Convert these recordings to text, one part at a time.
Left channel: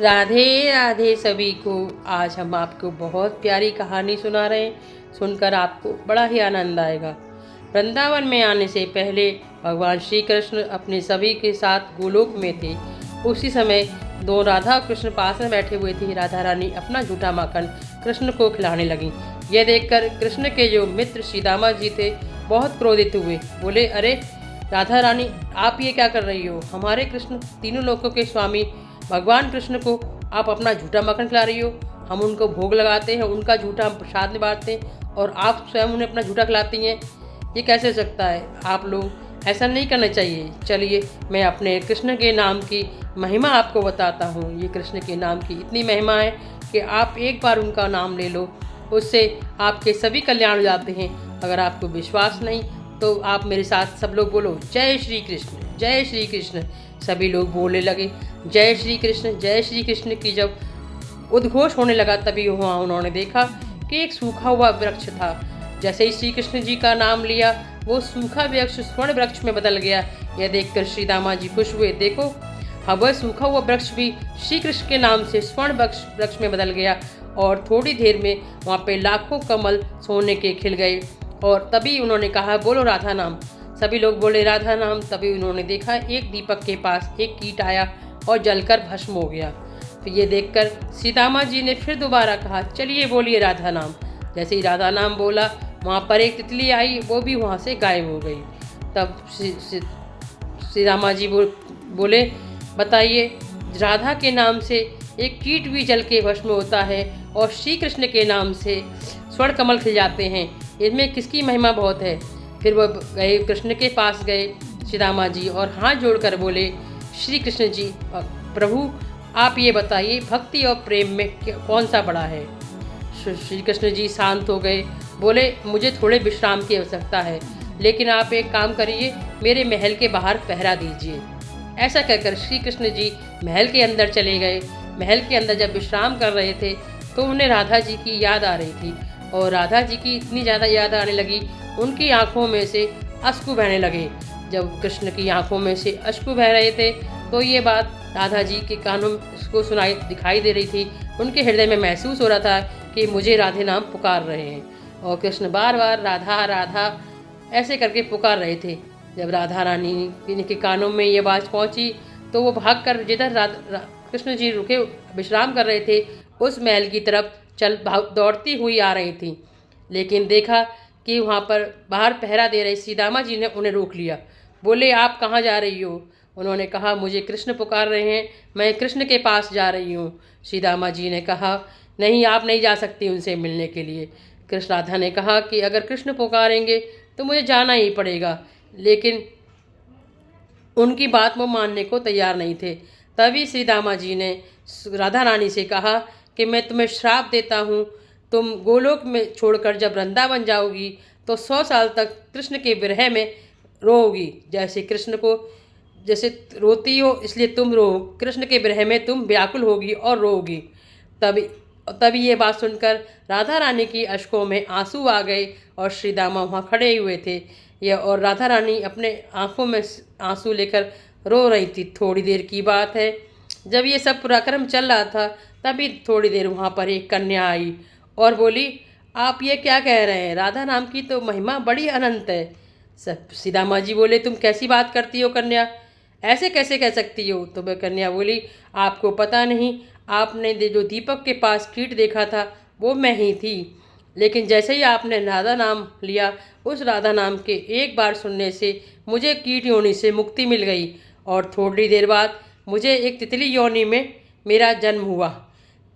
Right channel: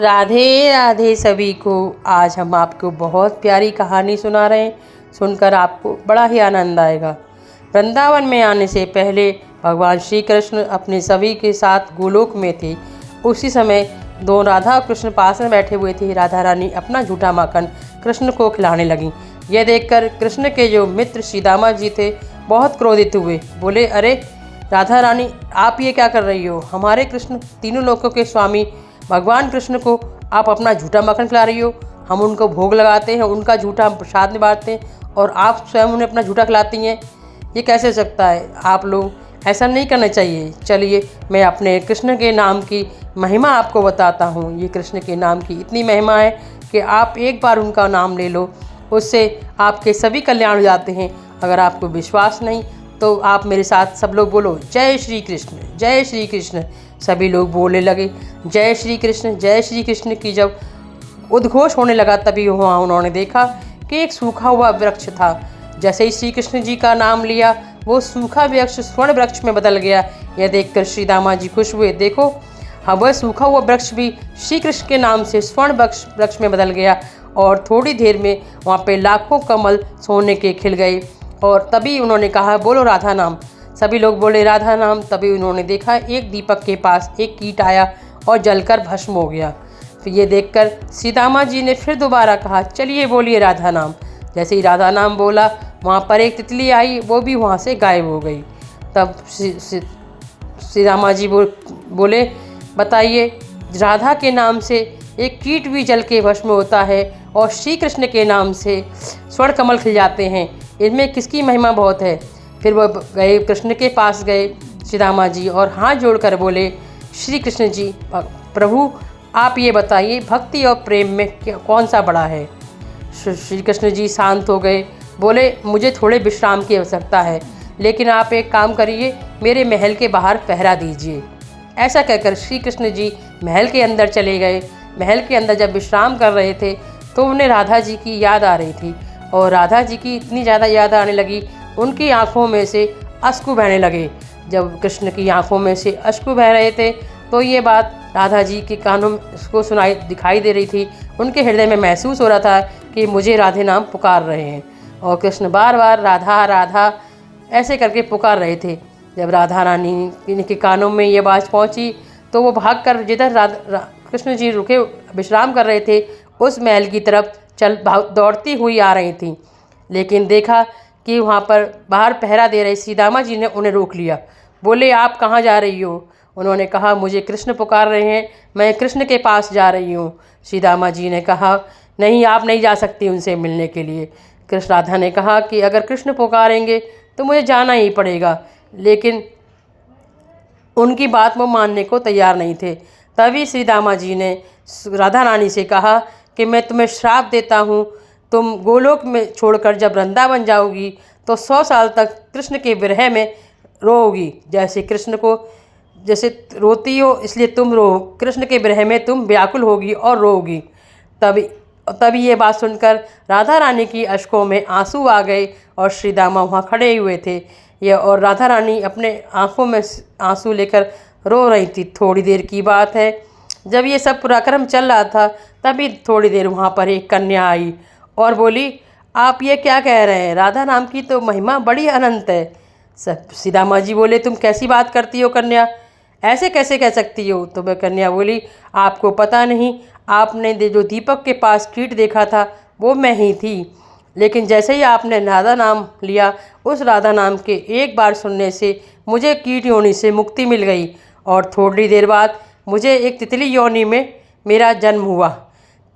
राधे राधे सभी को। आज हम आपको बहुत प्यारी कहानी सुना रहे हैं। सुनकर आपको बड़ा ही आनंद आएगा। वृंदावन में आने से पहले भगवान श्री कृष्ण अपने सभी के साथ गोलोक में थे। उसी समय दो राधा और कृष्ण पास में बैठे हुए थे। राधा रानी अपना झूठा माखन कृष्ण को खिलाने लगी। यह देखकर कृष्ण के जो मित्र श्रीदामा जी थे बहुत क्रोधित हुए। बोले, अरे राधा रानी, आप ये क्या कर रही हो? हमारे कृष्ण तीनों लोकों के स्वामी भगवान कृष्ण को आप अपना झूठा मक्खन खिला रही हो। हम उनको भोग लगाते हैं, उनका झूठा प्रसाद में बांटते हैं और आप स्वयं उन्हें अपना झूठा खिलाती हैं। ये कैसे हो सकता है? आप लोग ऐसा नहीं करना चाहिए। चलिए मैं अपने कृष्ण के नाम की महिमा आपको बताता हूँ। ये कृष्ण के नाम की इतनी महिमा है कि आप एक बार उनका नाम ले लो, उससे आपके सभी कल्याण हो जाते हैं। अगर आपको विश्वास नहीं तो आप मेरे साथ सब लोग बोलो, जय श्री कृष्ण, जय श्री कृष्ण। सभी लोग बोलने लगे, जय श्री कृष्ण, जय श्री कृष्ण की जब उद्घोष होने लगा तभी वहाँ उन्होंने देखा कि एक सूखा हुआ वृक्ष था। जैसे ही श्री कृष्ण जी का नाम लिया वो सूखा वृक्ष स्वर्ण वृक्ष में बदल गया। यह देखकर श्री दामा जी खुश हुए। देखो, हाँ, वह सूखा हुआ वृक्ष भी श्री कृष्ण के नाम से स्वर्ण वृक्ष में बदल गया और थोड़ी देर में वहाँ पे लाखों कमल सोने के खिल गए। और तभी उन्होंने कहा, बोलो राधा नाम। सभी लोग बोले राधा नाम। तभी उन्होंने देखा एक दीपक के पास एक कीट आया और जलकर भस्म हो गया। फिर ये देखकर सीतामा जी ने फिर दोबारा कहा, चलिए बोलिए राधा नाम। जैसे ही राधा नाम बोला वहाँ पर एक तितली आई, वो भी वहाँ से गायब हो गई। तब सीतामा जी बोले, बताइए, राधा के नाम से एक कीट भी जल के भस्म होता है और श्री कृष्ण के नाम से स्वर्ण कमल खिल जाते हैं, इनमें किसकी महिमा बहुत है? फिर वह गए, कृष्ण के पास गए सीतामा जी और हाथ जोड़कर बोले, श्री कृष्ण जी, प्रभु आप ये बताइए, भक्ति और प्रेम में कौन सा बड़ा है? श्री कृष्ण जी शांत हो गए। बोले, मुझे थोड़े विश्राम की आवश्यकता है, लेकिन आप एक काम करिए, मेरे महल के बाहर पहरा दीजिए। ऐसा कहकर श्री कृष्ण जी महल के अंदर चले गए। महल के अंदर जब विश्राम कर रहे थे तो उन्हें राधा जी की याद आ रही थी और राधा जी की इतनी ज़्यादा याद आने लगी, उनकी आंखों में से अश्रु बहने लगे। जब कृष्ण की आंखों में से अश्रु बह रहे थे तो ये बात राधा जी के कानों को दिखाई दे रही थी। उनके हृदय में महसूस हो रहा था कि मुझे राधे नाम पुकार रहे हैं और कृष्ण बार बार राधा राधा ऐसे करके पुकार रहे थे। जब राधा रानी के कानों में ये बात पहुंची तो वो भागकर जिधर कृष्ण जी रुके विश्राम कर रहे थे उस महल की तरफ दौड़ती हुई आ रही थी। लेकिन देखा कि वहाँ पर बाहर पहरा दे रहे सीतामा जी ने उन्हें रोक लिया। बोले, आप कहाँ जा रही हो? उन्होंने कहा, मुझे कृष्ण पुकार रहे हैं, मैं कृष्ण के पास जा रही हूँ। सीतामा जी ने कहा, नहीं, आप नहीं जा सकती उनसे मिलने के लिए। कृष्ण राधा ने कहा कि अगर कृष्ण पुकारेंगे तो मुझे जाना ही पड़ेगा, लेकिन उनकी बात वो मानने को तैयार नहीं थे। तभी सीतामा जी ने राधा रानी से कहा कि मैं तुम्हें श्राप देता हूँ, तुम गोलोक में छोड़कर जब वृंदावन जाओगी तो 100 साल तक कृष्ण के विरह में रोओगी। जैसे रोती हो इसलिए तुम रो, कृष्ण के विरह में तुम व्याकुल होगी और रोओगी। तभी ये बात सुनकर राधा रानी की अश्कों में आंसू आ गए और श्री दामा वहाँ खड़े हुए थे। और राधा रानी अपने आंखों में आंसू लेकर रो रही थी। थोड़ी देर की बात है, जब ये सब पराक्रम चल रहा था तभी थोड़ी देर वहाँ पर एक कन्या आई और बोली, आप ये क्या कह रहे हैं? राधा नाम की तो महिमा बड़ी अनंत है। सीतामा जी बोले, तुम कैसी बात करती हो कन्या, ऐसे कैसे कह सकती हो? तो वह कन्या बोली, आपको पता नहीं, आपने जो दीपक के पास कीट देखा था वो मैं ही थी। लेकिन जैसे ही आपने राधा नाम लिया, उस राधा नाम के एक बार सुनने से मुझे कीट योनि से मुक्ति मिल गई और थोड़ी देर बाद मुझे एक तितली योनि में मेरा जन्म हुआ।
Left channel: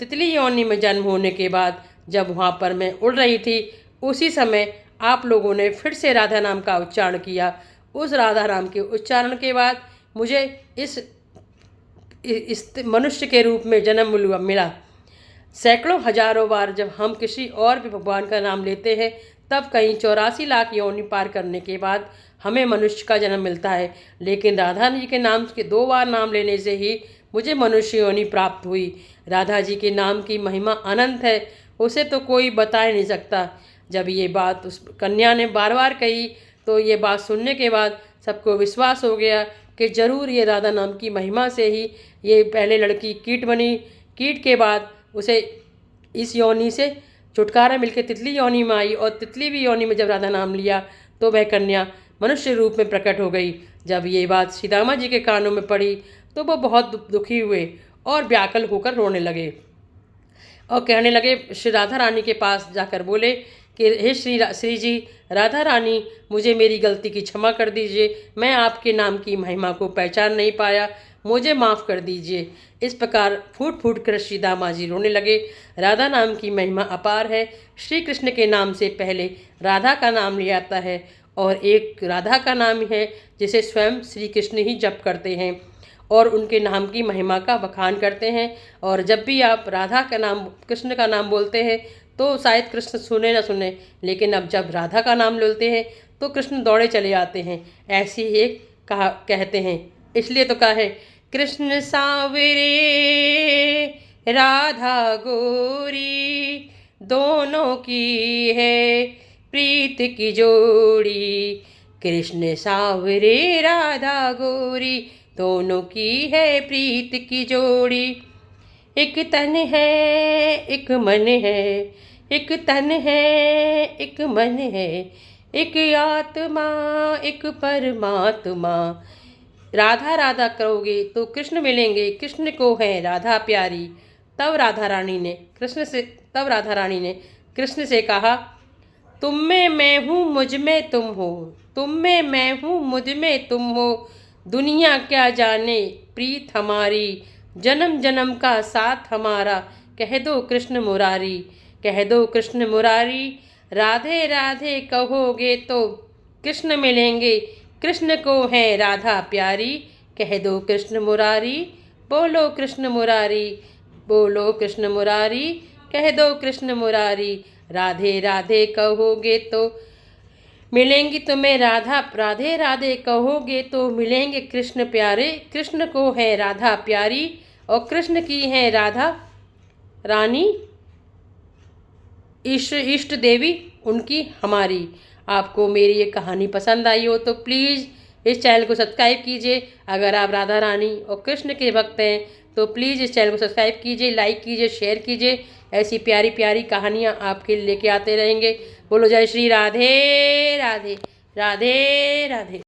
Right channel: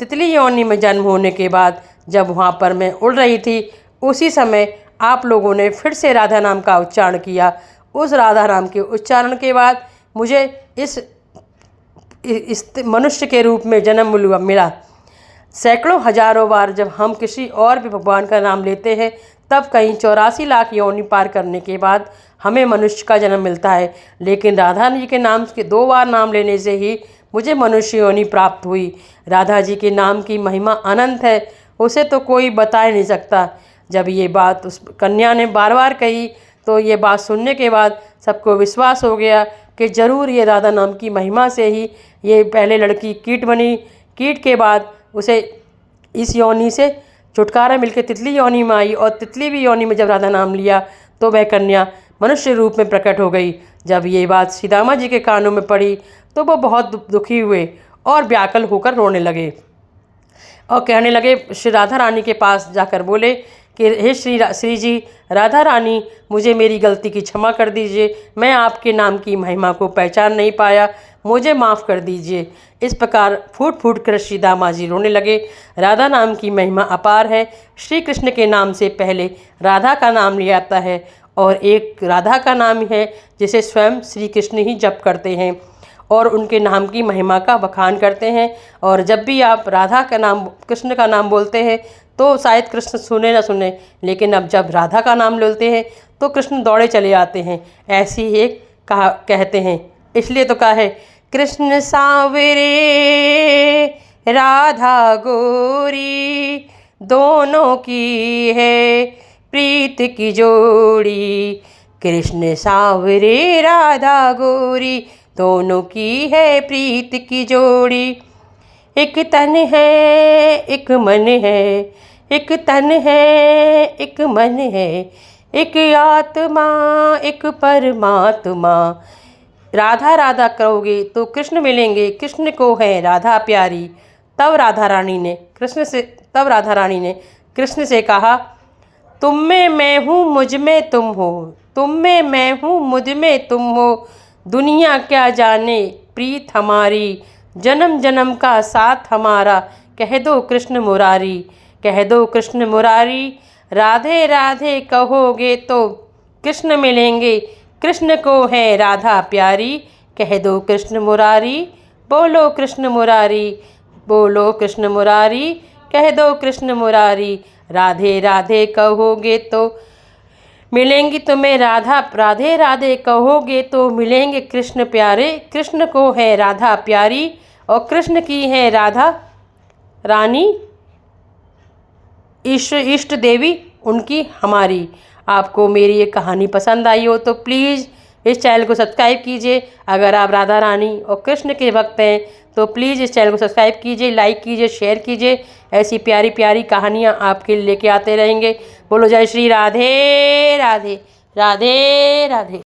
तितली योनि में जन्म होने के बाद जब वहाँ पर मैं उड़ रही थी उसी समय आप लोगों ने फिर से राधा नाम का उच्चारण किया। उस राधा नाम के उच्चारण के बाद मुझे इस मनुष्य के रूप में जन्म मिला। सैकड़ों हजारों बार जब हम किसी और भी भगवान का नाम लेते हैं तब कहीं 84 लाख योनि पार करने के बाद हमें मनुष्य का जन्म मिलता है, लेकिन राधा जी के नाम के 2 बार नाम लेने से ही मुझे मनुष्य योनि प्राप्त हुई। राधा जी के नाम की महिमा अनंत है, उसे तो कोई बता ही नहीं सकता। जब ये बात उस कन्या ने बार बार कही तो ये बात सुनने के बाद सबको विश्वास हो गया कि ज़रूर ये राधा नाम की महिमा से ही ये पहले लड़की कीट बनी, कीट के बाद उसे इस योनि से छुटकारा मिलकर तितली योनि में आई, और तितली भी योनि में जब राधा नाम लिया तो वह कन्या मनुष्य रूप में प्रकट हो गई। जब ये बात श्री दामा जी के कानों में पड़ी तो वो बहुत दुखी हुए और व्याकुल होकर रोने लगे और कहने लगे, श्री राधा रानी के पास जाकर बोले कि हे श्री जी, राधा रानी, मुझे मेरी गलती की क्षमा कर दीजिए, मैं आपके नाम की महिमा को पहचान नहीं पाया, मुझे माफ़ कर दीजिए। इस प्रकार फूट फूट कर श्री दामा जी रोने लगे। राधा नाम की महिमा अपार है। श्री कृष्ण के नाम से पहले राधा का नाम लिया जाता है, और एक राधा का नाम है जिसे स्वयं श्री कृष्ण ही जप करते हैं और उनके नाम की महिमा का बखान करते हैं। और जब भी आप राधा का नाम, कृष्ण का नाम बोलते हैं तो शायद कृष्ण सुने ना सुने, लेकिन अब जब राधा का नाम लेते हैं तो कृष्ण दौड़े चले आते हैं, ऐसी ही कहते हैं। इसलिए तो कहा है, कृष्ण सांवरे राधा गोरी, दोनों की है प्रीत की जोड़ी। कृष्ण सांवरे राधा गोरी, दोनों की है प्रीत की जोड़ी। एक तन है एक मन है, एक तन है एक मन है, एक आत्मा एक परमात्मा। राधा राधा करोगे तो कृष्ण मिलेंगे, कृष्ण को है राधा प्यारी। तब राधा रानी ने कृष्ण से कहा, तुम में मैं हूँ मुझ में तुम हो, तुम में मैं हूँ मुझ में तुम हो, दुनिया क्या जाने प्रीत हमारी, जन्म जन्म का साथ हमारा, कह दो कृष्ण मुरारी, कह दो कृष्ण मुरारी। राधे राधे कहोगे तो कृष्ण मिलेंगे, कृष्ण को है राधा प्यारी, कह दो कृष्ण मुरारी। बोलो कृष्ण मुरारी, बोलो कृष्ण मुरारी, कह दो कृष्ण मुरारी। राधे राधे कहोगे तो मिलेंगी तुम्हें राधा, राधे राधे कहोगे तो मिलेंगे कृष्ण प्यारे, कृष्ण को है राधा प्यारी, और कृष्ण की है राधा रानी इष्ट देवी उनकी हमारी। आपको मेरी ये कहानी पसंद आई हो तो प्लीज़ इस चैनल को सब्सक्राइब कीजिए। अगर आप राधा रानी और कृष्ण के भक्त हैं तो प्लीज़ इस चैनल को सब्सक्राइब कीजिए, लाइक कीजिए, शेयर कीजिए। ऐसी प्यारी प्यारी कहानियाँ आपके लिए लेके आते रहेंगे। बोलो जय श्री राधे राधे, राधे राधे।